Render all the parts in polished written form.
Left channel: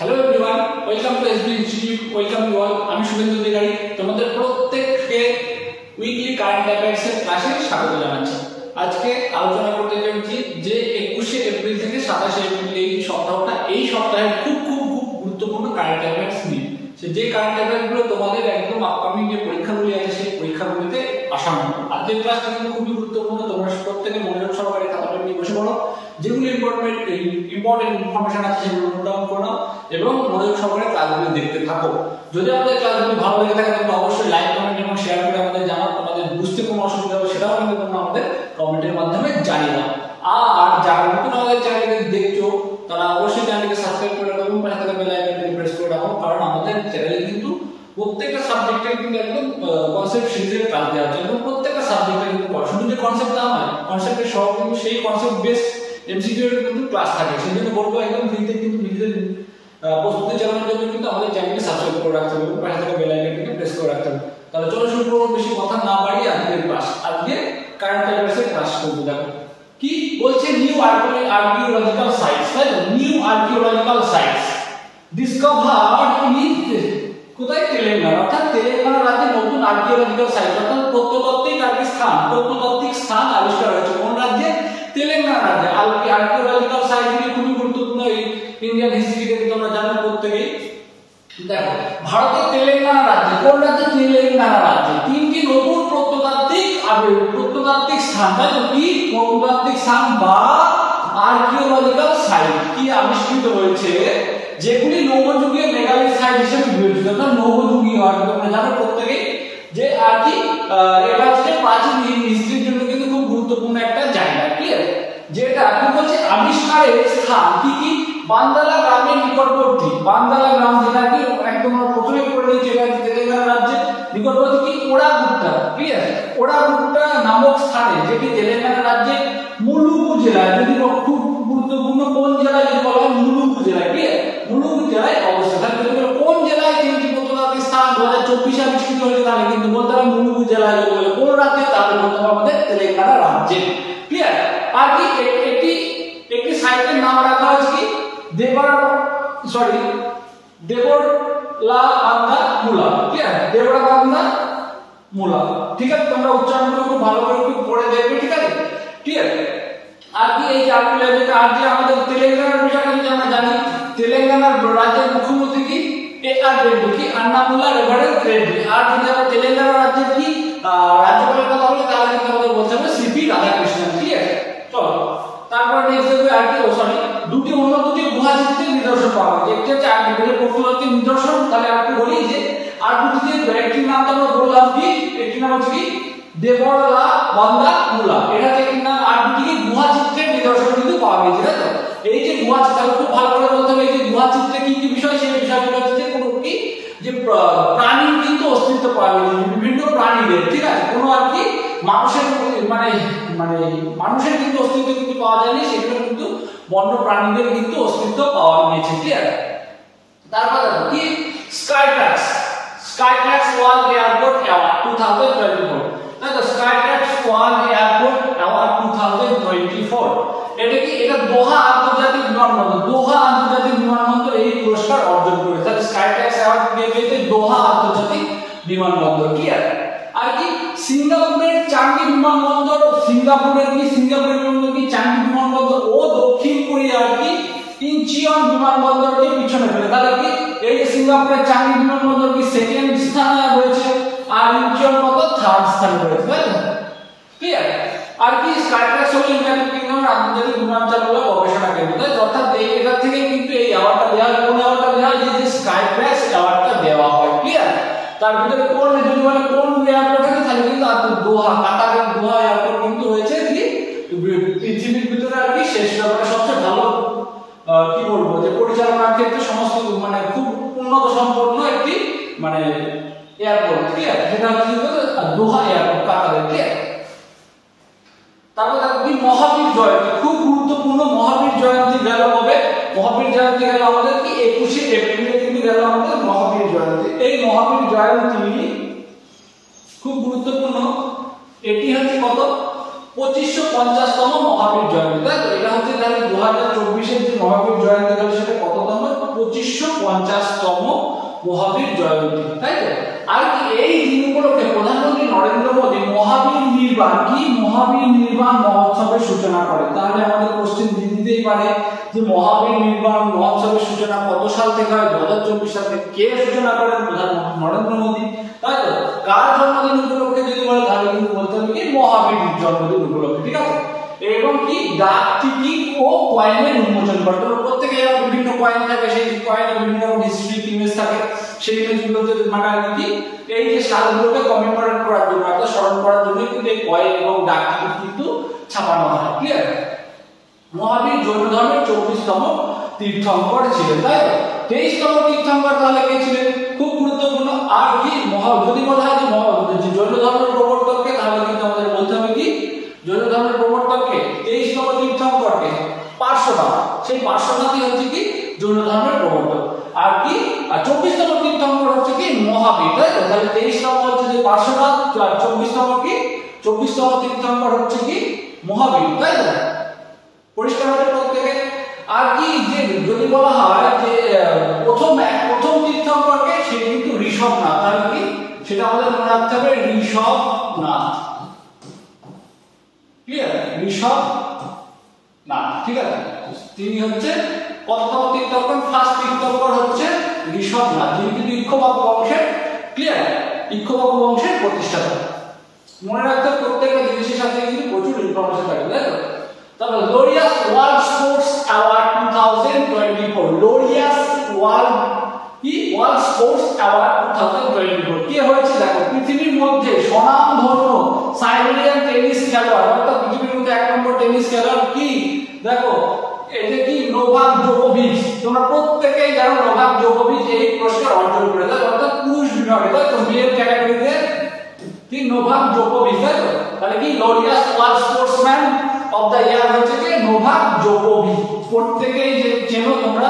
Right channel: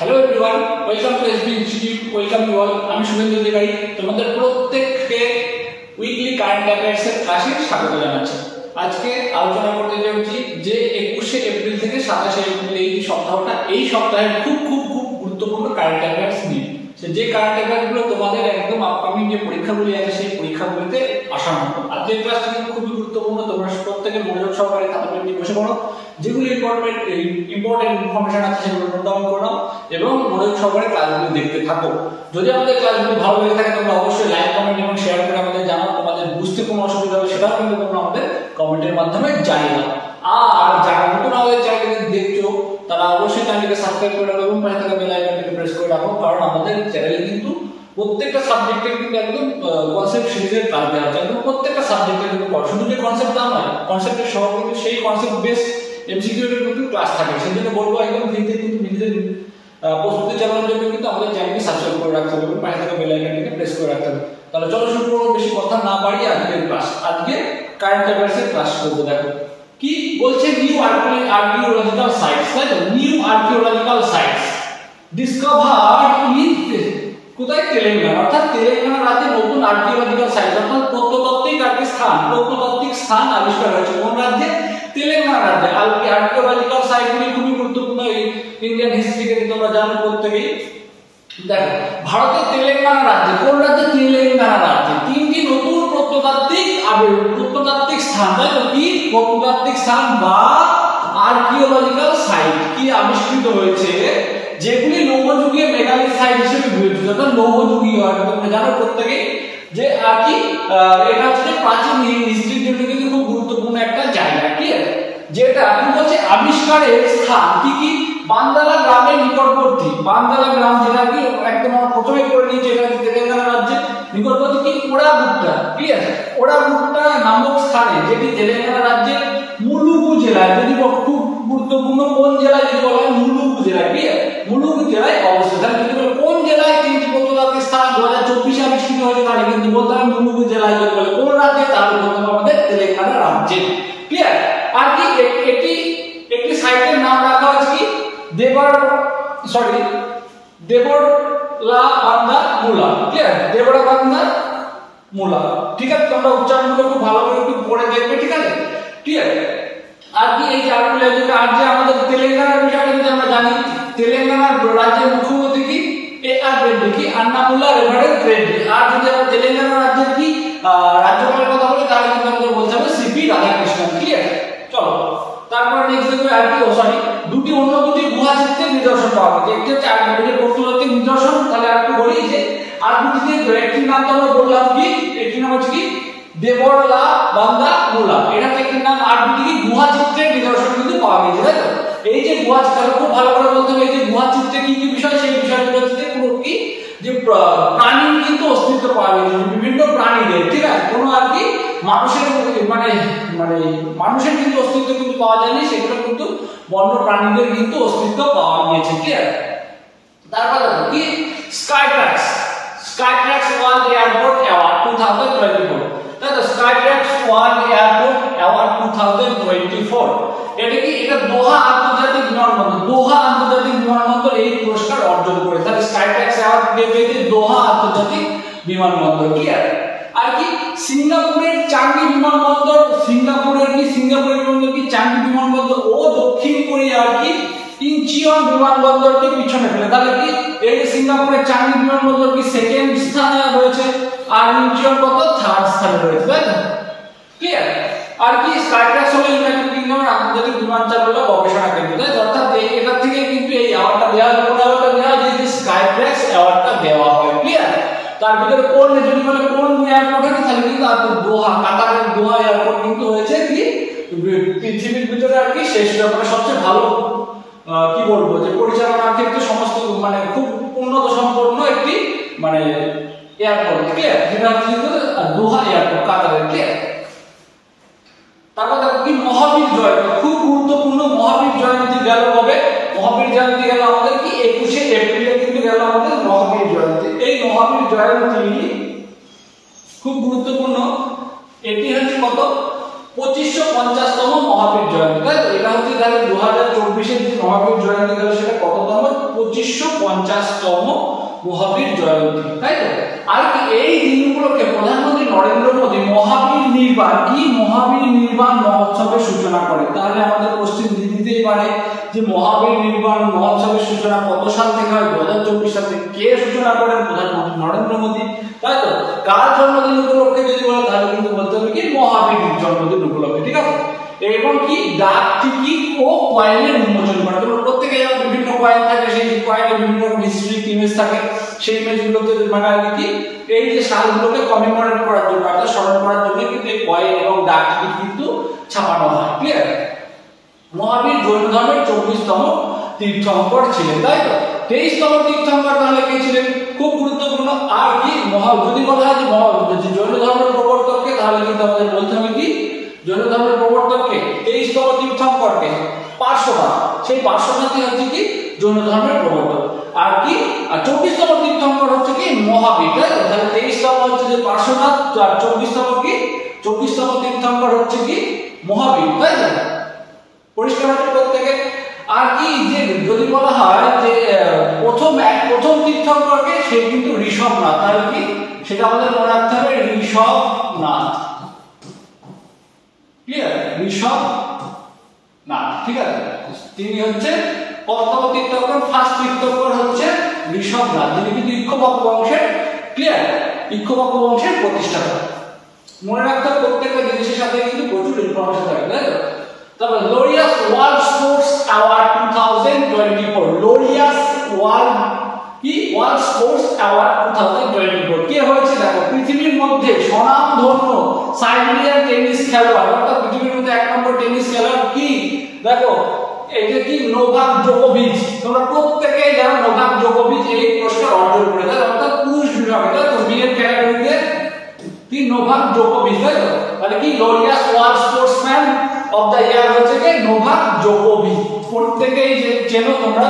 Hello everyone, welcome to SB institute. Welcome you all. আমি শুভেন্দু অধিকারী তোমাদের প্রত্যেককে উইকলি কারেন্ট অ্যাফেয়ার্স এর ক্লাসে স্বাগত জানাচ্ছি। আজকে আলোচনা করতে যাচ্ছি যে 21শে এপ্রিল থেকে 27শে এপ্রিল এই সপ্তাহটা, এই সপ্তাহের খুব খুব খুব গুরুত্বপূর্ণ কারেন্ট অ্যাফেয়ার্স নিয়ে। যে কারেন্ট অ্যাফেয়ার্স গুলো তোমাদের একদম আপকামিং যে পরীক্ষাগুলি আছে সেই পরীক্ষাগুলিতে আসার মতো। আজকের ক্লাসটা কিন্তু খুবই গুরুত্বপূর্ণ, তোমরা প্রত্যেকে মনোযোগ সহকারে খাতা পেন নিয়ে বসে পড়ো। যেগুলো ইম্পর্টেন্ট ইনফরমেশন আছে সেগুলো নোট ডাউন করো এবং মনোযোগ সহকারে ক্লাসগুলো দেখতে থাকো। যদি আমাদের ক্লাসগুলো ভালো লেগে থাকে তোমরা অবশ্যই লাইক, কমেন্ট এবং শেয়ার করে আমাদের জানাও। তোমাদের বুঝতে কোনো অসুবিধা হবে সেটাও কিন্তু তোমরা আমাদের কমেন্টের মাধ্যমে জানিয়ে দাও। আর যারা নতুন আমাদের চ্যানেলকে দেখছো তারা অবশ্যই চ্যানেলকে সাবস্ক্রাইব করে রাখো এবং পাশে থাকা বেল আইকনটিকে প্রেস করে রাখো, কারণ আমাদের চ্যানেলে কিন্তু প্রত্যেকটা সাবজেক্টের কিন্তু একদম কনসেপ্ট সিরিজের ক্লাস দেওয়া হচ্ছে। একদম প্রত্যেকটা সাবজেক্টের কিন্তু শুধু যে কনসেপ্ট তা নয়, কনসেপ্টের সহ কিন্তু সেই কনসেপ্ট বেস এমসিকিউ এর কিন্তু ক্লাস থাকে। সেই জন্য বলবো একদম ফ্রিতে কিন্তু নিজেদের প্রস্তুতি চালানোর জন্য কিন্তু আমাদের চ্যানেলকে সাবস্ক্রাইব করে রাখতে হবে এবং পাশে থাকা বেল আইকনটিকে প্রেস করে রাখতে হবে। তাহলে চলো শুরু করবো, বেশি কথা না বাড়িয়ে আজকের ক্লাস। আজকে কারেন্ট অ্যাফেয়ার্স এর ক্লাস করবো। দেখো কি বলছে, নিউ আর্কিওলজিক্যাল সাইটস, তাই তো? নিউ আর্কিওলজিক্যাল সাইটস ডিসকভারড ইন কোথায়? তেলেঙ্গানা। অর্থাৎ তেলেঙ্গানা রাজ্যে নতুন আর্কিওলজিক্যাল সাইট অর্থাৎ প্রত্নতাত্ত্বিক স্থান আবিষ্কার হয়েছে। কোন রাজ্যে? তেলেঙ্গানা রাজ্যে। আর্কিওলজিক্যাল সাইটগুলি খুবই গুরুত্বপূর্ণ এই ইন্ডিয়ান হিস্ট্রিকে তোমরা জানো প্রত্যেকেই। দেখো ভারতের তেলেঙ্গানা রাজ্যে, কোন রাজ্যে? তেলেঙ্গানা রাজ্যে তিনটি নতুন প্রত্নতাত্ত্বিক স্থান, তাই তো? কি প্রত্নতাত্ত্বিক স্থান বা আর্কিওলজিক্যাল সাইট কি আবিষ্কৃত হয়েছে, যেগুলি নবযুগীয় মেগালিথ সাইট হিসেবে বিবেচিত। অর্থাৎ নবযুগীয়, তোমরা জানো প্রত্যেকেই যে আর কি এটা হচ্ছে প্রাচীন হিস্ট্রির জন্য কিন্তু খুব গুরুত্বপূর্ণ একটা জায়গা। ক্লিয়ার? যেটা কি বলছে, আবিষ্কারের স্থান কি কি? বান্দারা গ্রামের নিকটবর্তী, বান্দারা গ্রাম যেটা কি একদম প্রথমে করে নিয়েছে, এটা তেলেঙ্গানা রাজ্যের নিকটবর্তী কি ওড়াগুট্টা। ক্লিয়ার? ওড়াগুট্টা নামক স্থানে, যেটি তেলেঙ্গানা রাজ্যের মুলুগু জেলায়, যদি খুব গুরুত্বপূর্ণ কোন জেলায়, যদি বলা হয় মুলুগু জেলায়। ক্লিয়ার? মুলুগু জেলায় অবস্থিত। যদি বলে কোন জেলায় তিনটি প্রত্নতাত্ত্বিক স্থান 2024 আবিষ্কৃত হয়েছে, তাহলে কিন্তু বলতে হবে মুলুগু জেলায়। যদি বলে কোন রাজ্যে, তাহলে বলতে হবে আমাদের তেলেঙ্গানা রাজ্যে। ক্লিয়ার? আর কি একটি সাইটের নাম রাখা হয়েছে কি দেবরলাকান্দা মুলা। ক্লিয়ার? দেবরলাকান্দা মুলা। ঠিক আছে, তোমরা উচ্চারণগুলো খুব ভালো করে একটু পড়ে দেখবে। ঠিক আছে? ক্লিয়ার? আর কি এই যে আর যে আমাদের তেলেঙ্গানার বিষয়টা যদি আমরা জানি, তেলেঙ্গানার রাজ্যের মুখ্যমন্ত্রী কি? AR রেড্ডি, কি আন্নামুল্লাহ রেভারেন্ট রেড্ডি। আর যদি আমরা তেলেঙ্গানা রাজ্যের কি রাজ্যপালের কথা বলি, তাহলে কিন্তু আমাদের বলতে হবে সিপি রাধাকৃষ্ণন। ক্লিয়ার? চলো তারপর নেক্সট দেখবে আর কি দুটি গুহা চিত্রের নিদর্শন পাওয়া গেছে। একটি হচ্ছে আর্কিওলজিক্যাল প্রত্নতাত্ত্বিক নিদর্শন। তাহলে আর একটু বলি যে আর দুটি একটি নাম তো আমরা বললাম কি, একটি নাম হচ্ছে কি দেবরলাকান্দা মুলা। এটা হচ্ছে একটি নাম। আর দুটি কি গুহা চিত্রের নিদর্শন কিন্তু পাওয়া গেছে, তাই তো? এই যে গুহা চিত্র খুব ভালো করে বলতে হবে, এই যে গুহা চিত্রে কি কি বিষয়, সেই বিষয়গুলো হচ্ছে কোনো কি যে প্রাণীর কিন্তু অস্তিত্ব পাওয়া গেছে, বিভিন্ন প্রাণীদের। ঠিক আছে? কোনো আর কি মানুষের মানে মানুষের কিন্তু অস্তিত্ব কিন্তু পাওয়া যায়নি, সেগুলো কিন্তু বন্য প্রাণীদের কিন্তু অস্তিত্ব পাওয়া গিয়েছে। ক্লিয়ার? তারপর দেখো কি স্কাইট্রাক্স ওয়ার্ল্ড এয়ারপোর্ট অ্যাওয়ার্ড 2024। তাই তো? স্কাইট্রাক্স ওয়ার্ল্ড এয়ারপোর্ট অ্যাওয়ার্ড 2024। এটা কি? এটা দোহা আন্তর্জাতিক বিমানবন্দর এই পুরস্কার অর্জন করেছে। তাহলে স্কাইট্রাক্স অ্যাওয়ার্ড পেয়েছে দোহা আন্তর্জাতিক বিমানবন্দর। ক্লিয়ার? আর কি সিঙ্গাপুরের চাঙ্গি বিমানবন্দর, সিঙ্গাপুরের বিমানবন্দর কি চাঙ্গি বিমানবন্দর ও দক্ষিণ কোরিয়ার কি ইনচিয়ন বিমানবন্দরকে পিছনে ফেলে। তাহলে কি এই যে সিঙ্গাপুরের চাঙ্গি বিমানবন্দর কি সেকেন্ড স্থানে রয়েছে, আর ইনচিয়ন কত? থার্ড স্থানে রয়েছে, তাই তো? ক্লিয়ার? আর কি স্কাইট্রাক্স হলো ইউনাইটেড কিংডমের আন্তর্জাতিক বিমান চালনা গবেষণা কেন্দ্র, তাই তো? অর্থাৎ এটা থেকে কিন্তু এই অ্যাওয়ার্ডটা দেওয়া হয়। কোন অ্যাওয়ার্ডটা দেওয়া হয়? যে স্কাইট্রাক্স অ্যাওয়ার্ডটা দেওয়া হয়। ক্লিয়ার? তার ভিতরে কোন, যদি বলে কোন এয়ারপোর্ট আছে, তাহলে কিন্তু দোহা, কাতারের দোহা এয়ারপোর্ট কিন্তু হয়েছে কি পৃথিবীর ভিতরে আর কি শেষ ব্যাপারে সবচেয়ে ভালো কি বলবো যে পরিচালনার ক্ষেত্রে সমস্ত খুব উন্নত সম্পন্ন একটি এয়ারপোর্ট। ক্লিয়ার? যেটা হচ্ছে দোহা এয়ারপোর্ট, কাতারের। ক্লিয়ার? তারপর দেখো কি মহাবীর জয়ন্তী, খুব গুরুত্বপূর্ণ। মহাবীর জয়ন্তী গেল কবে? মহাবীর জয়ন্তী গেল আমাদের কি 21শে এপ্রিলে কিন্তু গেল আমাদের মহাবীর জয়ন্তী। এই মহাবীর জয়ন্তী খুব গুরুত্বপূর্ণ। এটি হচ্ছে কত? 2550তম মহাবীর জয়ন্তী, তাই তো? এটা হচ্ছে 2024-এর যে মহাবীর জয়ন্তী গেল সেটা কততম? 2550তম মহাবীর জয়ন্তী, তাই তো? আর এই দিন উপলক্ষে প্রধানমন্ত্রী নরেন্দ্র মোদী মহাবীর নির্বাণ মহোৎসবের সূচনা করেন। তাহলে আমাদের কোশ্চেন দিতেই পারে যে মহাবীর নির্বাণ মহোৎসবের সূচনা কত সাল থেকে হয়? 2024 সাল থেকে। কে সূচনা করেন? প্রধানমন্ত্রী নরেন্দ্র মোদী, তাই তো? কার জন্মদিন উপলক্ষে যদি বলে তাহলে কিন্তু বলতে হবে কি মহাবীর জন্মদিন উপলক্ষে, ঠিক আছে? এবং কি ডাক টিকিট ও কয়েনের উন্মোচন করে। প্রত্যেকে বিভিন্ন কয়েন থাকে, সেই কয়েনে বিভিন্ন রকম হিস্ট্রি ইমেজ থাকে, সেই ইমেজগুলোতে মানে কি এই যে সালগুলোকে কমেমোরেট করার জন্য, অর্থাৎ স্মরণ করার জন্য কিন্তু এই কয়েন এবং ডাক টিকিট কিন্তু ছাপানো হয়। ক্লিয়ার? মহাবীর জৈন ধর্মের 24তম তীর্থঙ্কর ছিলেন, তাই তো? 23তম তীর্থঙ্কর তাহলে কে ছিলেন? খুব গুরুত্বপূর্ণ। আর কি যদি বলা হয় যে জৈন ধর্মের প্রবর্তককে, তাহলে কিন্তু আমাদের বলতে হবে কি জৈন ধর্মের প্রবর্তককে 23তম তীর্থঙ্করকে পার্শ্বনাথ। সেই পার্শ্বনাথই হচ্ছে কি জৈন ধর্মের প্রবর্তক। আর কি 24তম তীর্থঙ্কর হচ্ছে কি মহাবীর, তাই তো? তাহলে 23তম হচ্ছে যে পার্শ্বনাথ, আর 24তম কি 24তম তীর্থঙ্কর হচ্ছে কি মহাবীর, তাই তো? পরিষ্কার হচ্ছে প্রত্যেকে। আর কি যে যদি বলা হয় যে প্রথম তীর্থঙ্করকে, সে কিন্তু ঋষভনাথ। তাহলে কি সেটা আমাদের মনে রাখতে হবে, ঋষভনাথ। ক্লিয়ার? ঋষভনাথ, ঠিক আছে? তিনি হচ্ছে কততম তীর্থঙ্কর? ফার্স্ট তীর্থঙ্কর হচ্ছে ঋষভনাথ, যিনি কিন্তু ইক্ষ্বাকু বংশের, ক্লিয়ার, ইক্ষ্বাকু বংশের প্রতিষ্ঠাতা। মনে রাখতে হবে প্রত্যেকটা জিনিসের সাথে কিন্তু প্রচুর ইনফরমেশন থাকে, তাই তো? তারপর Laureus world sports award 2024, Laureus world sports award 2024 কে হয়েছে? দেখো, পৃথিবীর মধ্যে স্বনামধন্য সাইবেরিয়ান টেনিস খেলোয়াড়, অর্থাৎ পৃথিবীর মধ্যে 1 নম্বর টেনিস খেলোয়াড় কি? দেখো, এটা কি নোভাক জোকোভিচ। তোমরা প্রত্যেকেই জানো নোভাক জোকোভিচ এই পুরস্কার অর্জন করেছে, অর্থাৎ পুরুষ বিভাগে, তাই তো? মেল ক্যাটাগরিতে কি নোভাক জোকোভিচ, তাই তো? তাহলে কি Laureus world sportsman of the year হচ্ছে কি নোভাক জোকোভিচ। প্রত্যেকেই চেনো তোমরা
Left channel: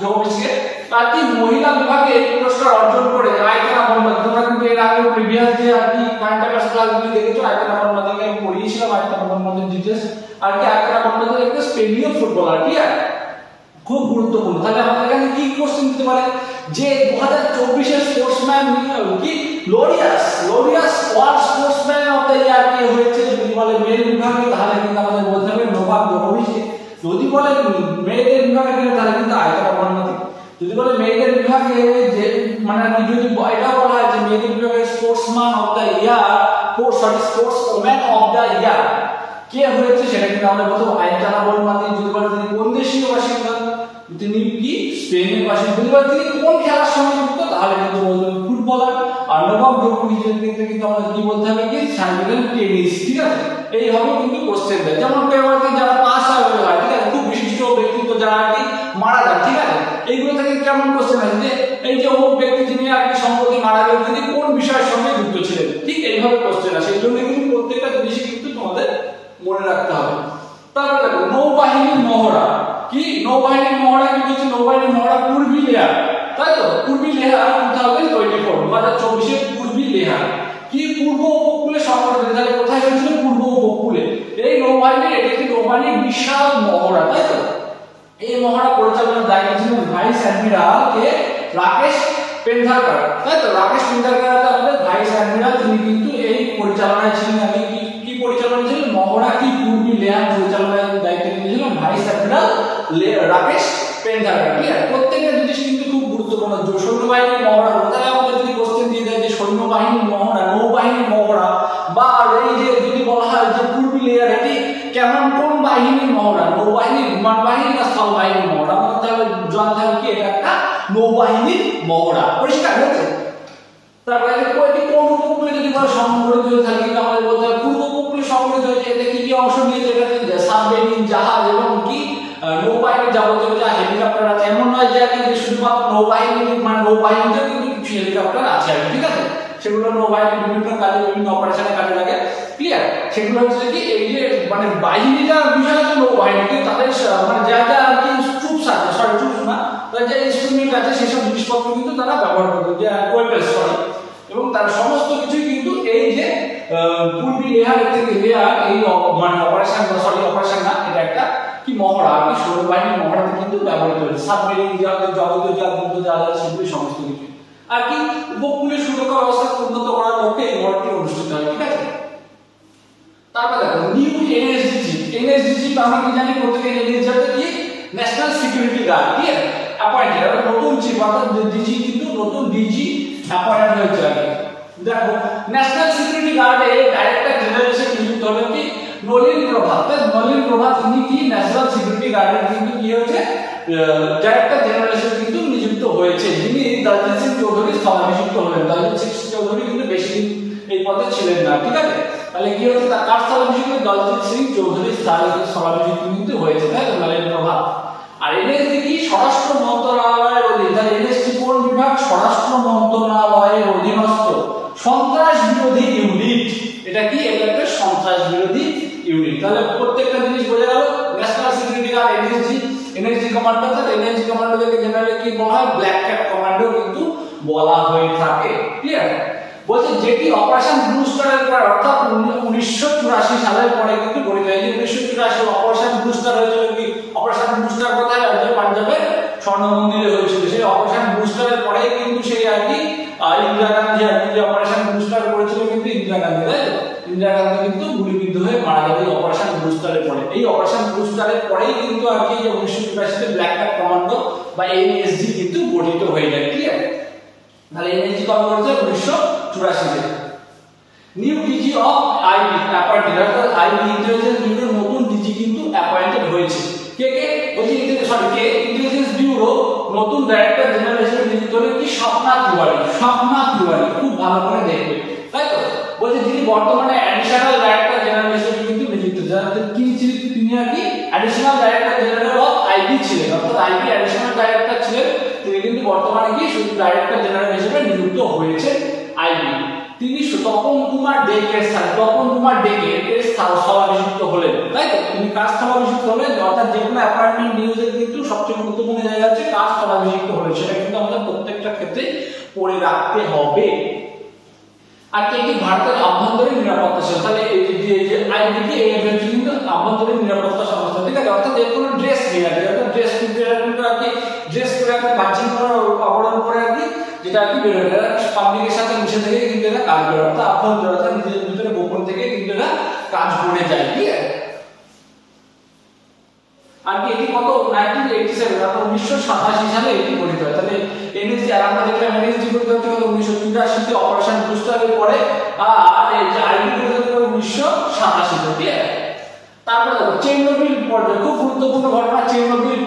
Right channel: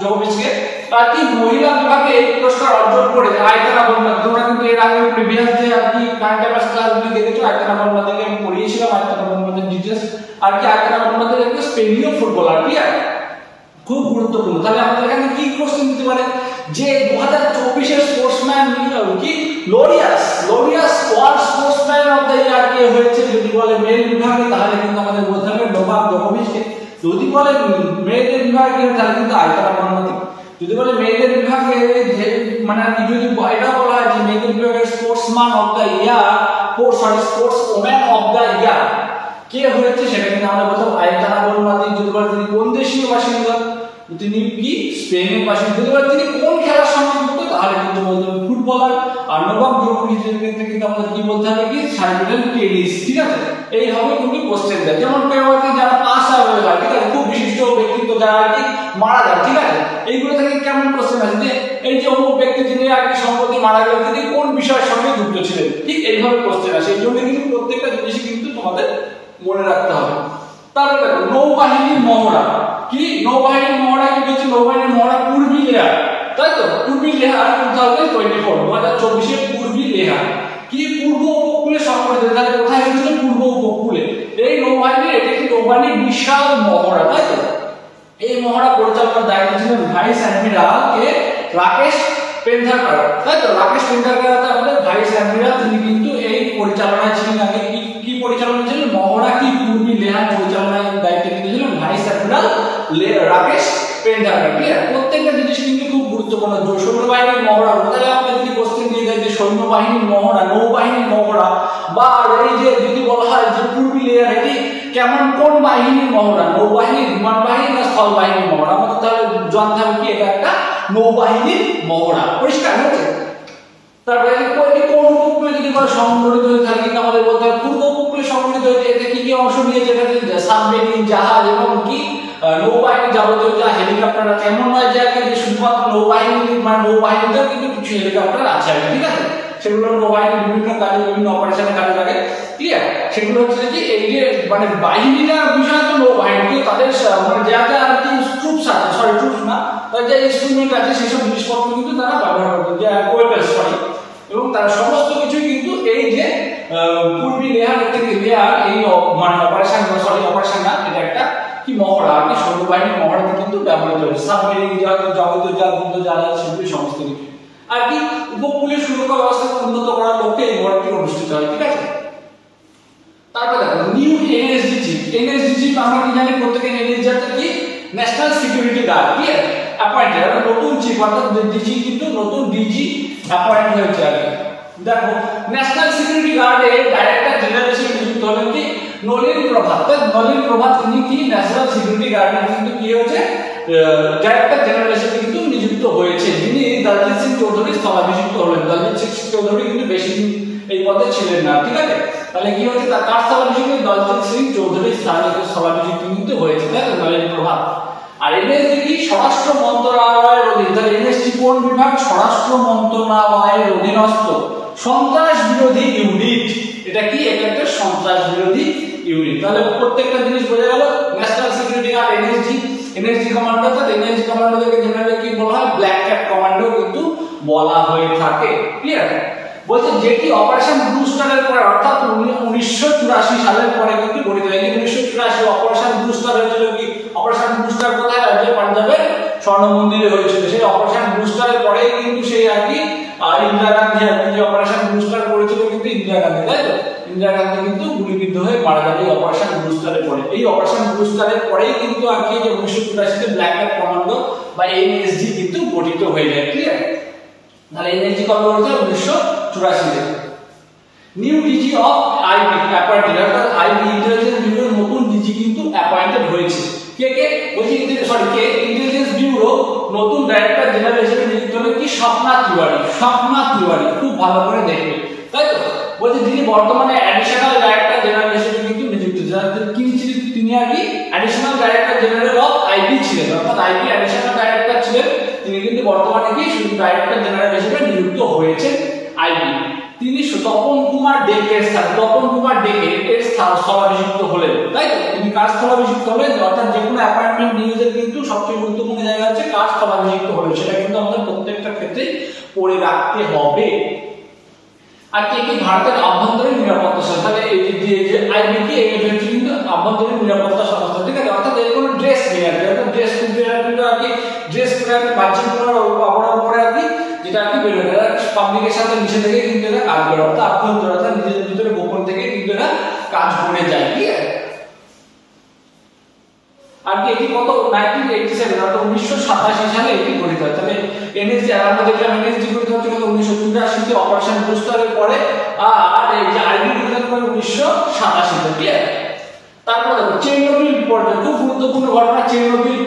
জোকোভিচকে। আর কি মহিলা বিভাগে এই পুরস্কার অর্জন করে আয়তনা বর্মা। তোমরা কিন্তু এর আগে প্রিভিয়াস যে আর কি কারেন্ট অ্যাফেয়ার্স ক্লাসগুলো দেখেছো, আয়তনা বর্মা থেকে আমি পড়িয়েছিলাম আয়তনা বর্মাদের ডিটেইলস। আর কি আয়তনা বর্মা একটা স্পেনীয় ফুটবলার, ক্লিয়ার? খুব গুরুত্বপূর্ণ। তাহলে আমাদের এখানে কি কোশ্চেন দিতে পারে যে 2024 এর স্পোর্টসম্যান কি Laureus world sportsman of the year কে হয়েছে? যদি বলে মেল বিভাগে, তাহলে কিন্তু আমাদের বলতে হবে নোভাক জোকোভিচকে। যদি বলে মেয়েদের বিভাগে, তাহলে কিন্তু আয়তনা বর্মা। যদি বলে মেয়েদের বিভাগে যে মানে যদি এটা বলা হয় যে মেয়েদের বিভাগে sportsman of the year, sportswoman of the year কে হয়েছে, সেটা কিন্তু আমরা বলতে আয়তনা বর্মা। যদি বলে তিনি কোন দেশীয় বাসিন্দা, তিনি কি স্পেনের বাসিন্দা। যদি বলে তিনি কোন খেলার সঙ্গে যুক্ত, তাহলে কিন্তু বলতে হবে ফুটবলার। আর নোভাক জোকোভিচের ক্ষেত্রে কিন্তু আমাদের কি বলতে হবে কি সাইবেরিয়ান টেনিস, ঠিক আছে? এই হবে কিন্তু কোশ্চেন দেয়। যেমন পেওয়ারকে যারা পাস আউট হয়, ঠিক আছে, খুব বিশিষ্ট ব্যক্তিত্ব যারা আর কি মারা যায়, ঠিক আছে, এইগুলো থেকে কেমন কোশ্চেন আছে যে এই যে অমুক ব্যক্তি যিনি আর কি সম্প্রতি মারা গেলেন, তিনি কোন বিষয়ের সঙ্গে যুক্ত ছিলেন, ঠিক এইভাবে কোশ্চেন আসে। এই জন্য কিন্তু প্রত্যেকটা জিনিস কিন্তু তোমাদের মনে রাখতে হবে। তারপর দেখো নৌবাহিনীর মহড়া। কি নৌবাহিনীর মহড়া কি হচ্ছে? নৌবাহিনীর মহড়া পূর্বী লেহার, তাই তো? পূর্বী লেহার 2024 পূর্বী লেহার কি পূর্ব উপকূলে সংঘটিত। তাহলে কোথায় হয়েছিল? পূর্ব উপকূলে। এই নৌবাহিনী, এটা কি নৌবাহিনীর বিশাল মহড়া, তাই তো? এই মহড়া পরিচালনার দায়িত্ব ছিলেন ভাইস অ্যাডমিরাল কে রাকেশ পেন্ধারকার, তাই তো? রাকেশ পেন্ধারকার আমাদের ভাইস অ্যাডমিরাল, তিনি কিন্তু এই পরিচালনায় ছিলেন। আগে কি পরিচালনা ছিলেন? মহড়া কি পূর্বী লেহার পরিচালনার দায়িত্ব নিয়েছিলেন ভাইস অ্যাডমিরাল রাকেশ পেন্ধারকার। ক্লিয়ার? প্রত্যেকটা জিনিস কিন্তু খুব গুরুত্বপূর্ণ। সৈন্যবাহিনীর মহড়া, তাহলে আমাদের যদি কোশ্চেন দিয়ে দেয় যে সৈন্যবাহিনীর মহড়া, নৌবাহিনীর মহড়া, বা এই যে যদি বলা হয় যে পূর্বী লেহার, এটি কেমন কোন বাহিনীর মহড়া? নৌবাহিনীর, বিমান বাহিনী না স্থল বাহিনীর মহড়া? আমাদের তাহলে জানতে হবে কি এটা একটা নৌবাহিনীর মহড়া। পরিষ্কার হয়েছে? তারপরে কোন উপকূলে যদি বলা সংঘটিত হয়ে থাকে, কিন্তু আমাদের বলতে হবে পূর্ব উপকূলে সংঘটিত হয়েছে। এতে কি কি অংশ নিয়েছে? এটা সাবমেরিন, জাহাজ এবং কি নৌবাহিনী যাবতীয় যা হেলিকপ্টার আছে। এমন নয় যে শুধুমাত্র নৌবাহিনী, মানে নৌবাহিনীতেও কিন্তু কিছু হেলিকপ্টার আছে, ঠিক আছে? সেগুলো নৌবাহিনীর বিভিন্ন কাজে, বিভিন্ন অপারেশনে কাজে লাগে, ক্লিয়ার? সেগুলো হচ্ছে কি এই যে মানে বাহিনীটার বিষয় তো নৌবাহিনী, কিন্তু তাদের মানে যা যা আর কি ট্রুপস আছে, সরি ট্রুপস না, যে ইনস্ট্রুমেন্ট আছে সেসব জিনিসপত্র কিন্তু তারা ব্যবহার করবে, যে ওয়েপন্স, সরি, এবং তার সমস্ত কিছুই কিন্তু এই যে পূর্বী লেহার থেকে লেহার এই মানে অপারেশন না, এটা একটা কি মহড়া আর কি সৈন্যবাহিনী মহড়াতে কিন্তু ব্যবহৃত হয়েছে, সাবমেরিন যাবতীয় যা সেগুলি সমস্ত কিছু আর কি উপকূলীয় সুরক্ষা ব্যবস্থা উন্নত করার লক্ষ্যে এই মহড়াটি অনুষ্ঠিত হয়। ঠিক আছে, তারপরে দেখো নিউ এনএসডিজি আমরা কি জানি প্রত্যেকের এনএসডি অর্থাৎ কি ন্যাশনাল সিকিউরিটি গার্ড কি অ্যাপয়েন্টেড, আর নতুন চিফ অর্থাৎ ডিজি কিন্তু নতুন ডিজি অ্যাপয়েন্ট হয়েছে আর কি। দেখো ন্যাশনাল সিকিউরিটি গার্ডে ডাইরেক্টর জেনারেল হিসেবে নিযুক্ত হলেন কি নলিন প্রভাত। নলিন প্রভাত উনি কি ন্যাশনাল সিকিউরিটি গার্ডের কিন্তু কি হয়েছে ডাইরেক্টর জেনারেল হিসেবে কিন্তু নিযুক্ত হয়েছে, যিনি দলজিৎ সিং চৌধুরী স্থলাভিষিক্ত হলেন। দলজিৎ সিং চৌধুরী কিন্তু বেশি দিন এই পদে ছিলেন না। ঠিক আছে, তাহলে কি হচ্ছে তার কার স্থলাভিষিক্ত দলজিৎ সিং চৌধুরী স্থলাভিষিক্ত কিন্তু হয়েছে, তাই তো নলিন প্রভাত। আর এনএসজি কি স্বরাষ্ট্র মন্ত্রণালয়ের অধীন, তাহলে এনএসজি কোন বিভাগ স্বরাষ্ট্র মন্ত্রণালয়ের অধীনস্থ সন্ত্রাস বিরোধী ইউনিট। এটা কি এটা একটা সন্ত্রাস বিরোধী ইউনিট। তাহলে প্রত্যেকটা জিনিস বোঝা গেল। National security guard NSG commando, তাহলে এনএসজি কমান্ডোদেরকে জেনারেলি কি বলা হয় ব্ল্যাক ক্যাপ কমান্ডো কিন্তু বলা হয়ে থাকে। ক্লিয়ার, বলছে যেটি অপারেশন ব্লু স্টারের পরে অর্থাৎ 1984 সালের পরে কিন্তু গঠিত হয়। 1984 অপারেশন ব্লু স্টার হয়েছিল কি অপারেশন ব্লু স্টার কোথায় হয়েছিল পাঞ্জাবের স্বর্ণ মন্দিরে হয়েছিল। সেই অপারেশন ব্লু স্টারের পরেই কিন্তু সেই আর কি ইন্দিরা গান্ধী আর কি অপারেশন ব্লু স্টার করেছিল কিন্তু ইন্দিরা গান্ধী, তাই তো ইন্দিরা গান্ধী কিন্তু গুলিবিদ্ধ হয়ে মারা গেল এই অপারেশন ব্লু স্টারের পরে। এই অপারেশন ব্লু স্টারের পরেই কিন্তু আর কি যে 1984 তে ব্ল্যাক ক্যাপ কমান্ডো বা এনএসজি কিন্তু গঠিত হয়ে যায়। ক্লিয়ার, তাহলে এনএসজি কবে হয়েছে 1984 তে। New DG of IB appointed, অর্থাৎ আইবি ইন্টেলিজেন্স ব্যুরোর নতুন ডিজি কিন্তু অ্যাপয়েন্টেড হয়েছে। কে বলছি ইন্টেলিজেন্স ব্যুরো নতুন ডাইরেক্টর জেনারেল হিসেবে নিযুক্ত হলেন কি স্বপ্না তিওয়ারি। স্বপ্না তিওয়ারি খুব ভালো করে দেখবে, তাই তো বলছে যিনি বর্তমানে অ্যাডিশনাল ডাইরেক্টর জেনারেল হিসেবে কিন্তু নিযুক্ত। কি ছিলেন তিনি আর কি additional director general of IB ছিলেন, অর্থাৎ আইবি অ্যাডিশনাল ডাইরেক্টর ছিলেন। তিনি কিন্তু বর্তমানে কি শুধু ডাইরেক্টর জেনারেল হিসেবে নিযুক্ত হয়েছে আইবি। তিনি তপন কুমার ডেকের স্থানে স্থলাভিষিক্ত হলেন, তাই তো তিনি কার স্থলাভিষিক্ত হলেন, অর্থাৎ যে কোনো অ্যাপয়েন্টমেন্ট নিউজের কিন্তু সবচেয়ে গুরুত্বপূর্ণ জায়গা হচ্ছে কার স্থলাভিষিক্ত হলেন, সেটা কিন্তু আমাদের প্রত্যেকটা ক্ষেত্রে পড়ে রাখতে হবে। আর কি কি ভারতের আভ্যন্তরীণ নিরাপত্তা সংস্থা, তাহলে এই যে আইবি কি এই হচ্ছে কিন্তু আভ্যন্তরীণ নিরাপত্তা সংস্থা। ঠিক আছে, অর্থাৎ এর কোনো ড্রেস নেই আর কি, অর্থাৎ ড্রেস কিন্তু আর কি ড্রেস করে আর কি বাহ্যিক অবরণ করে আর কি যেটা আর কি বেরোয় না, পাবলিকের সাথে মিশে থেকে কিন্তু এরা কাজ করে, অর্থাৎ আভ্যন্তরীণ নিজেদের ভিতরে গোপন থেকে কিন্তু এরা কাজ করে যায়। ঠিক আছে, আর কি এটি কত 1987 অর্থাৎ 1987 সালে এটি গঠিত হয়। তাহলে এনএসজি আর আমরা দেখলাম এনএসজি গঠিত হয়েছিল 1984 তে অপারেশন ব্লু স্টারের পরে, আর এই যে আইবি গঠিত হয় 1987 তে। ক্লিয়ার, তারপর দেখো চেরনোবিল বিপর্যয়, খুব গুরুত্বপূর্ণ ঘটনা। চেরনোবিল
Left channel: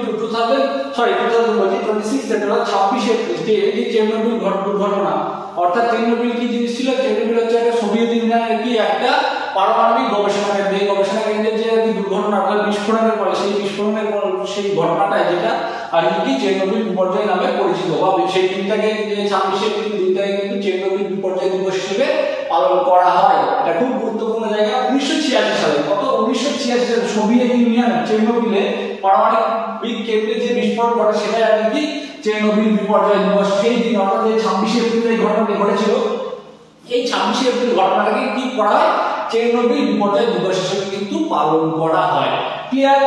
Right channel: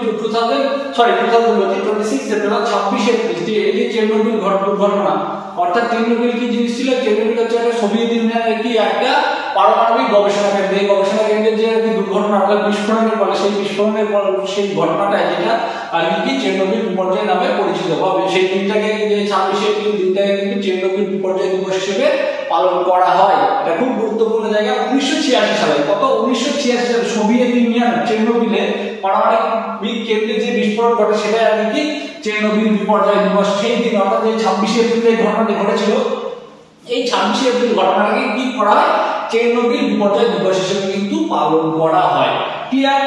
26 সেপ্টেম্বর 26 এপ্রিল এই যে চেরনোবিল দুর্ঘটনা, অর্থাৎ চেরনোবিল কি জিনিস ছিল, চেরনোবিল হচ্ছে একটা সোভিয়েত ইউনিয়নের কি একটা পারমাণবিক গবেষণা কেন্দ্র। এই গবেষণা কেন্দ্রে যে দুর্ঘটনা অর্থাৎ বিস্ফোরণের ফলে সেই বিস্ফোরণের পর সেই ঘটনাটাই যেটা আর কি চেরনোবিল বিপর্যয় নামে পরিচিত। সেই দিনটাকে যে 26 এপ্রিল দিনটাকে কিন্তু চেরনোবিল বিপর্যয় দিবস হিসেবে পালন করা হয়। এটা খুব গুরুত্বপূর্ণ জায়গা। 1986 সালে কত 1986 সালে সোভিয়েত ইউনিয়ন চেরনোবিলে পারমাণবিক কেন্দ্রে যে বিস্ফোরণ ঘটে সেটাই আর কি চেরনোবিল বিপর্যয় দিবস। সেই দিন অর্থাৎ 26 এপ্রিল এই ঘটনাটি ঘটেছিল, এই 26 এপ্রিল ঘটনাটাকে কি করা হয় চেরনোবিল বিপর্যয় দিবস হিসেবে কিন্তু পালন করা হয়। ক্লিয়ার,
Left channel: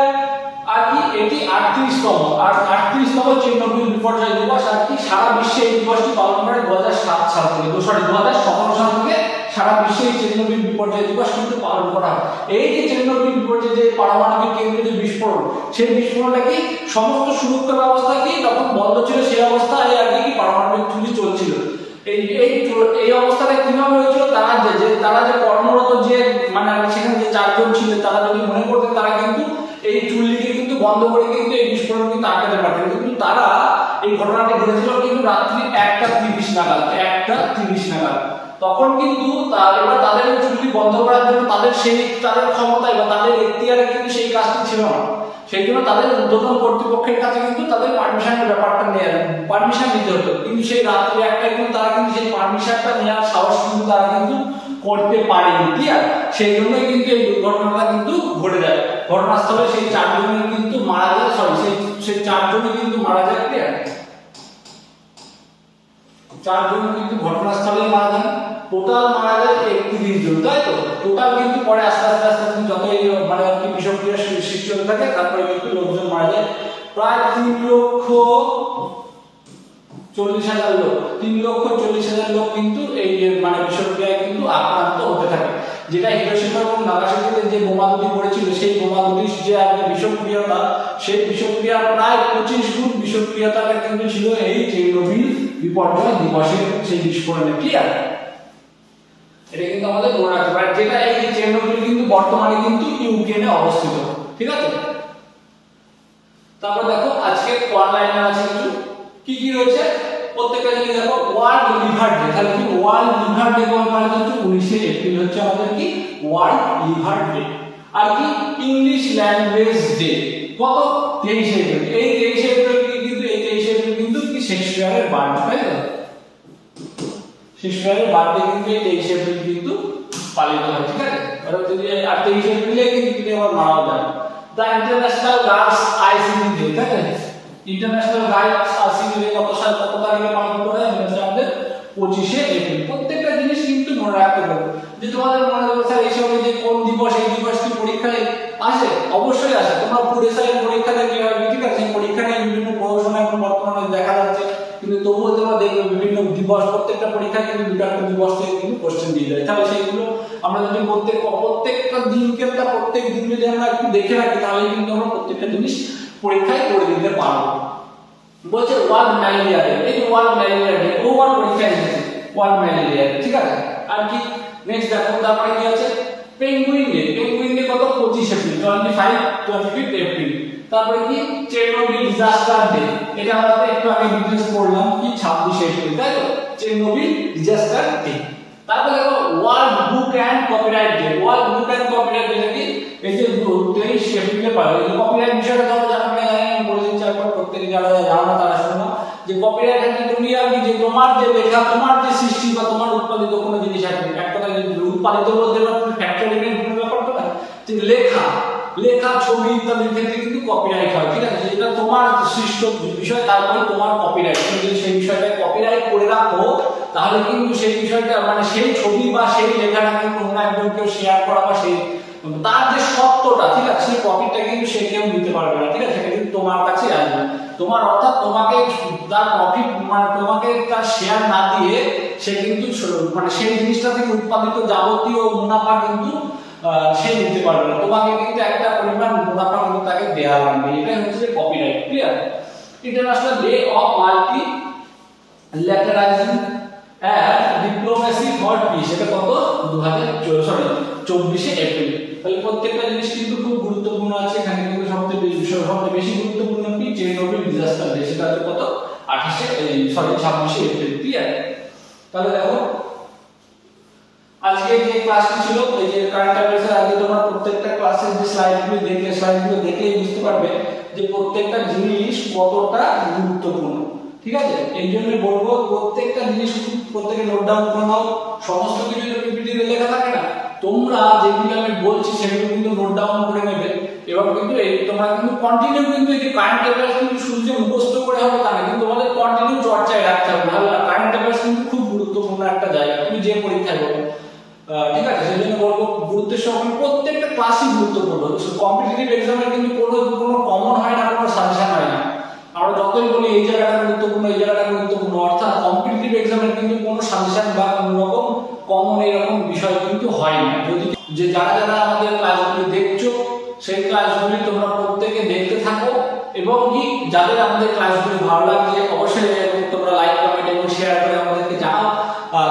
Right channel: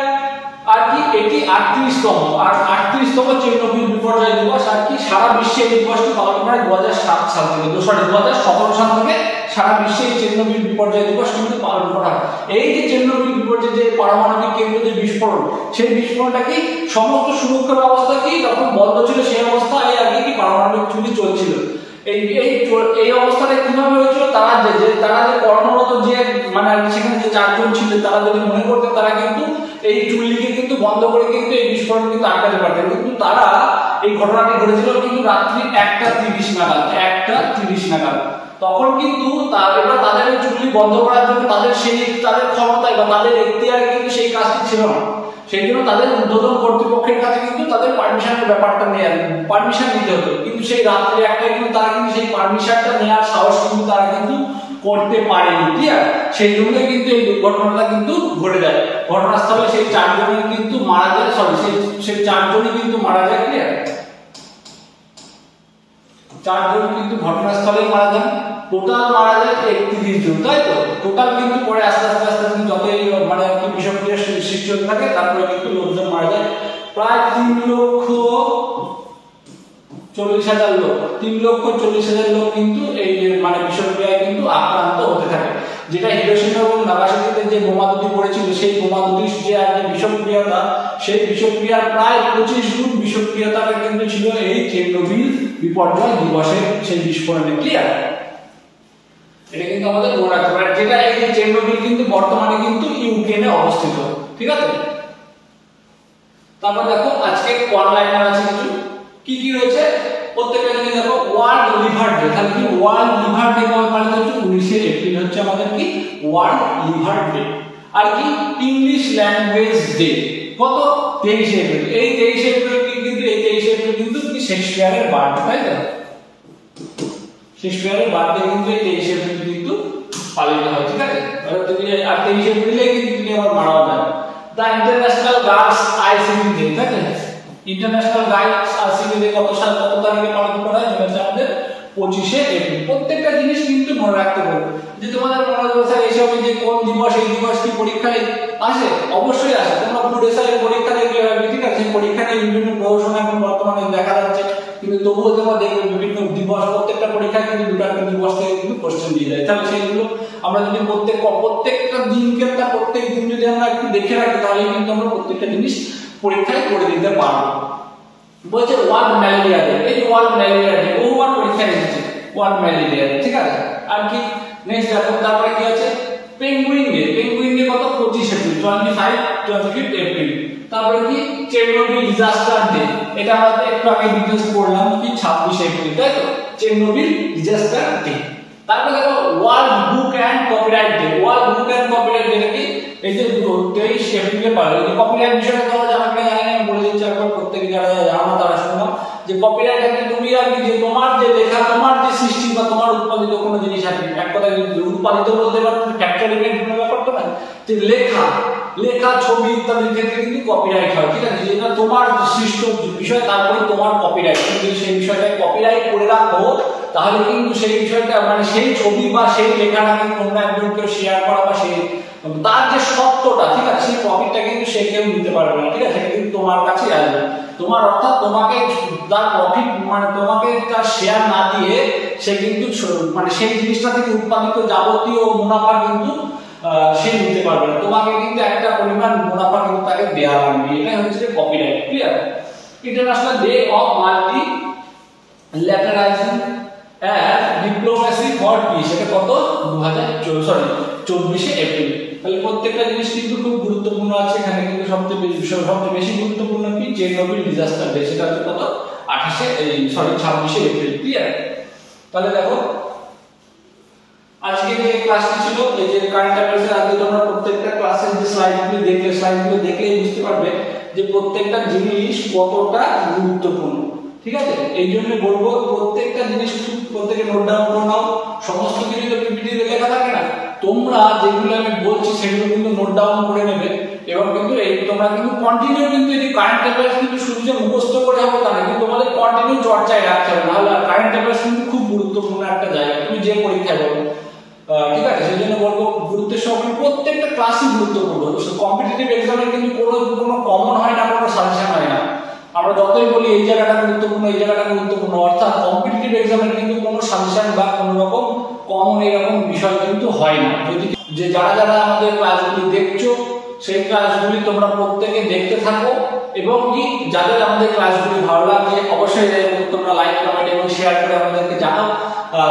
আর কি এটি 38তম চেরনোবিল বিপর্যয় দিবস। আর কি সারা বিশ্বে এই দিবসটি পালন করে 2007 সাল থেকে 2017 সাল থেকে সারা বিশ্বে এই চেরনোবিল বিপর্যয় দিবস কিন্তু পালন করা হয়। এই যে চেরনোবিল বিপর্যয় যে পারমাণবিক কেন্দ্র যে বিস্ফোরণ, সেই বিস্ফোরণটা কি সমস্ত সুরক্ষা ব্যবস্থা কি তখন বন্ধ ছিল, সেই অবস্থায় আর কি পারমাণবিক চুল্লি চলছিল। এই অবস্থাটা কিভাবে হয়েছিল, তারা যে কর্মরত যে মানে সেখানে যে 4 জন ছিল তারা যদি মনে করতে তারা কিন্তু এই চুল্লিকে কিন্তু বন্ধ করে কিন্তু এই বিস্ফোরণ কিন্তু আটকাতে পারতেন, কিন্তু তারা এই ঘটনাটি ঘটেছিল কিন্তু রাত্রি 1:30 নাগাদ। তখন কিন্তু এবার তাদের চুল্লি বন্ধ করার জন্য তাদের ক্ষমতায় বা তাদের এখতিয়ারে কিন্তু সেই কাজটি ছিল না। সেই জন্য তাদের ঊর্ধ্বতন কর্তৃপক্ষের কাছে কিন্তু তাদের পারমিশনের ব্যাপারটা পারমিশন নিতে হতো, কিন্তু সেই রাত্রি 1টায় কিন্তু তারা কিন্তু সেই পারমিশনটা নেওয়ার সাহস কিন্তু তারা কিন্তু করতে পারেনি। ক্লিয়ার, সেই জন্যই কিন্তু এই দুর্ঘটনাটা কিন্তু ঘটে যায়। ঘটনাস্থলে সেই 4 জনই কিন্তু মারা যায়, সেই 4 জনই কিন্তু মারা যায়। ক্লিয়ার, 4 জন কিন্তু ঘটনাস্থলেই মারা যান। টোটাল মারা যায় 31 জন, তাই তো? টোটাল কিন্তু পরে আস্তে আস্তে আস্তে যতই মানে আর কি বিষক্রিয়া সৃষ্টি হতে থাকে তারপরে কিন্তু লোকজন মারা যায় প্রায় 3,40,000 লোক, 3,40,000 লোক কিন্তু এই মানে বিষক্রিয়ায় কিন্তু আক্রান্ত হতে থাকে। যেটা হিরোশিমা এবং নাগাসাকিতে যে বোমা দুটি পড়েছিল সেই বোমা দুটির যে একটা বিষক্রিয়তা, সেই বিষক্রিয়ার প্রায় 25 গুণ বিষক্রিয়তাটা কিন্তু ছিল এই চেরনোবিল বিপর্যয় দিবসের সেই বিস্ফোরণে। ক্লিয়ার? এটা কিন্তু আমাদের মনে রাখতে পারে, যেটা এই চেরনোবিল কিন্তু বর্তমানে কিন্তু ইউক্রেনে অবস্থিত। ঠিক আছে? তারপর দেখো আজকে ওয়ান লাইনার আছে কিছু, কি কি রয়েছে প্রত্যেকটা জিনিস দেখো। ওয়ার্ল্ড লিভার ডে, তাহলে কি ওয়ার্ল্ড লিভার ডে কবে পালিত হচ্ছে? 19শে এপ্রিল হচ্ছে আমাদের কি ওয়ার্ল্ড লিভার ডে। আর কি ইংলিশ ল্যাঙ্গুয়েজ ডে কত? 23শে এপ্রিল। এই 23শে এপ্রিল কিন্তু এই 23শে এপ্রিল কিন্তু কি শেক্সপিয়ারের বার্থডে, তাই তো? শেক্সপিয়ারের বার্থডে কিন্তু এই 23শে এপ্রিল কিন্তু পালিত হয়। ঠিক আছে? আর 23শে এপ্রিলে কিন্তু আমার মারাও যায়। The international girls ICT day, তাই তো? ইন্টারন্যাশনাল গার্লস আইসিটি ডে কত তারিখে পালন করা হয়? এটা হচ্ছে আমাদের 25শে এপ্রিল। প্রত্যেকটা জিনিস কিন্তু মনে রাখতে হবে। যে তোমাদের মনে রাখতে এইসব যে কোন দিবস, এই দিবস কি পরীক্ষায় আসে? অবশ্যই আসে। তোমরা ফুড এসআই পরীক্ষা দেখলে হবে, ঠিক আছে? পরীক্ষা নিয়ে বিভিন্ন গবেষণা এখন বর্তমানে দেখা যাচ্ছে, কিন্তু তবুও তোমরা দেখবে বিভিন্ন দিবস প্রত্যেকটা পরীক্ষায় কিন্তু দুটো একটা দিবস থেকে কিন্তু কোশ্চেন দিয়ে যায়। তাহলে সেইগুলো আমরা যদি প্রত্যেকটা দিনকে প্রত্যেক দিন যদি আমরা একটু দেখে রাখি তাহলে কিন্তু আমরা প্রত্যেকটা জিনিস পরীক্ষায় করে দিতে পারবো। বলছে ওয়ার্ল্ড ম্যালেরিয়া ডে, এই ওয়ার্ল্ড ম্যালেরিয়া ডে ওভার পরীক্ষা এসেছে ওয়ার্ল্ড ম্যালেরিয়া ডে। ঠিক আছে? আর কি নেক্সট দেখো তারপরে কি আছে? পেঙ্গুইন ডে, পেঙ্গুইন ডে কত? 25 এপ্রিল, 25 এপ্রিল। তারপরে কি চেরনোবিল ডিজাস্টার ডে, এটা আমরা একটু আগে ডিটেইলস পড়লাম কি 26 এপ্রিল, তাই তো? Chernobyl disaster day. তারপরে দেখো world book and copyright day, world book and copyright day কি এই যে 23 এপ্রিলে পালন। এই কপিরাইট বিষয়টা তোমরা জানো কিনা জানি না, আমি বলে দিচ্ছি একবার, প্রত্যেকে যারা জানো না তারা শুনো। যে কপিরাইট মানে তুমি আর কি যে তোমার যে লেখা, তোমার যে সৃষ্টি বা তোমার উৎপাদিত কোনো জিনিস আছে, এক কথায় উৎপাদিত বলতে পারো ফ্যাক্টরি ইভেন্ট কোনো ব্যাপার তো না, যে লেখা ছবি ইত্যাদির ক্ষেত্রে কিন্তু কপিরাইট হয়। ঠিক আছে? যেটা তোমার সৃষ্ট বিষয় তারপরে তোমার কপিরাইট, তুমি যদি সেই বিষয়টাকে কপিরাইট করে রাখো তাহলে কিন্তু সেই বিষয়টা মানে সেই ছবি বা সেই লেখাটাকে কোনো একজনকে শেয়ার করা বা সেই তার যে সত্যটা, ঠিক আছে, সেই প্রফিটটা কিন্তু সে কেউ নিতে পারবে না। ঠিক আছে? সেটা কিন্তু তোমার কাছে আসবে। তোমার অর্থাৎ তোমাকে তার প্রফিট মানে তোমাকে তার শেয়ার না দিয়ে সে কিন্তু মানে সেই জিনিসটা থেকে উৎপাদিত যাবতীয় মুনাফা কিন্তু সে নিতে পারবে না। তোমাকে কিন্তু একটা পরিমাণ মুনাফা কিন্তু তাকে দেওয়া লাগবে। এটাই হচ্ছে copyright. Clear? International day of multilateralism and diplomacy for peace, এটা কত? 24শে এপ্রিল। তাহলে প্রত্যেকটা জিনিস কিন্তু খুব গুরুত্বপূর্ণ আছে এখানে। কিন্তু সবচেয়ে বেশি গুরুত্বপূর্ণ কি চেরনোবিল ডিজাস্টার ডে, সেটা হচ্ছে কত? 26শে এপ্রিল। ক্লিয়ার? তাহলে দেখো আজকে যে ক্লাসটি ছিল এই যে কারেন্ট অ্যাফেয়ার্সের আগে তোমরা প্রত্যেকটা ক্লাসের যে স্লাইডগুলো দেখলেই বুঝতে পারবে যে প্রত্যেকটা জিনিস কতটা গুরুত্বপূর্ণ। ঠিক আছে? এই জন্য বলবো প্রত্যেকটা জিনিস প্রত্যেকে নোট ডাউন করে নাও। সমস্ত কিছু পিপিটিতে লেখা থাকে না, তোমরা যেগুলো আমি বলছি সেগুলো কিন্তু নোট ডাউন করে নেবে এবং কিন্তু এই তোমরা কিন্তু কন্টিনিউ কিন্তু এই যে কারেন্ট অ্যাফেয়ার্স কিন্তু শুধু যে মুখস্থ করে হবে তা না, কিন্তু তোমাদের কন্টিনিউ চর্চায় রাখতে হবে। নাহলে কারেন্ট অ্যাফেয়ার্স কিন্তু খুব গুরুত্বপূর্ণ একটা জায়গা, তুমি যে পরীক্ষায় বলো। ঠিক আছে? সেই জন্য বলবো গুরুত্বের সঙ্গে প্রত্যেকটা ক্লাসই গুরুত্বপূর্ণ। কম্পিটিটিভ এক্সামের কিন্তু কোনো কমন হয় না, কোনো সাজেশন হয় না। আমরা যতই বলি এই জায়গাটা গুরুত্বপূর্ণ, এই জায়গাটা গুরুত্বপূর্ণ, অর্থাৎ কম্পিটিটিভ এক্সামের কিন্তু কোনো সাজেশন বা কোনো রকম কমন এরকম বিষয় কিন্তু হয় না। যদি যে যারা আমাদের ক্লাসগুলি দেখছো সেই ক্লাসগুলি তোমরা প্রত্যেকে দেখতে থাকো এবং কি যাদের আমাদের ক্লাসগুলি ভালো লাগে অবশ্যই তোমরা লাইক, কমেন্ট এবং শেয়ার করে আমাদেরকে জানাও।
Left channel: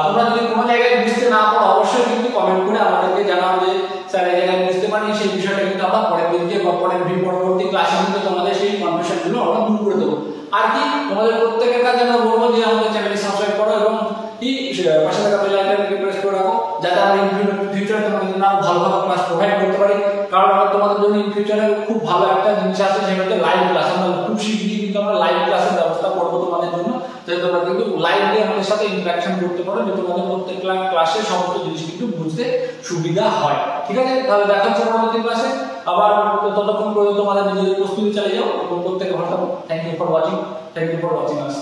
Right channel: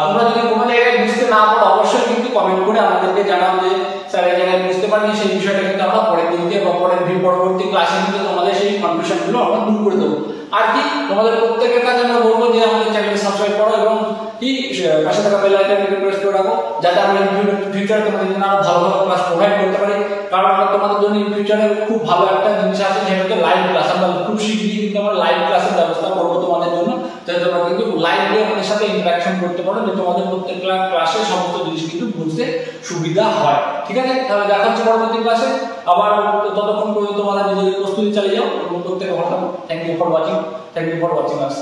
তোমরা যদি কোনো জায়গায় বুঝতে না পারো অবশ্যই কিন্তু কমেন্ট করে আমাদেরকে জানাও যে স্যার এই জায়গায় বুঝতে পারিনি, সেই বিষয়টা কিন্তু আমরা পরের দিন দিয়ে বা পরবর্তী ক্লাসে কিন্তু তোমাদের সেই কনফিউশনগুলো আমরা দূর করে দেবো। আর কি তোমাদের প্রত্যেকের কাছে আমরা বলবো যে আমাদের চ্যানেলকে সাবস্ক্রাইব করো এবং কি পাশে থাকা বেল আইকনটি প্রেস করে রাখো, যাতে আমরা ইন ফিউচারে তোমাদের জন্য ভালো ক্লাস প্রোভাইড করতে পারি। কারণ আমরা তোমাদের জন্য ইন ফিউচারে খুব ভালো একটা জিনিস আছে, সেটা হচ্ছে লাইভ ক্লাস। আমরা খুব শীঘ্রই কিন্তু আমরা লাইভ ক্লাসের ব্যবস্থা করবো তোমাদের জন্য, যাতে তোমরা কিন্তু লাইভলি আমাদের সাথে ইন্টারাকশন করতে পারো, যে তোমাদের প্রত্যেক ক্লাসে সমস্ত জিনিস কিন্তু বুঝতে সুবিধা হয়। ঠিক আছে? তাহলে দেখা হচ্ছে পরবর্তী ক্লাসে। আবার ততক্ষণ পর্যন্ত তোমাদের নিজেদের প্রস্তুতি চালিয়ে যাও এবং প্রত্যেকে ভালো থাকো। Thank you for watching us.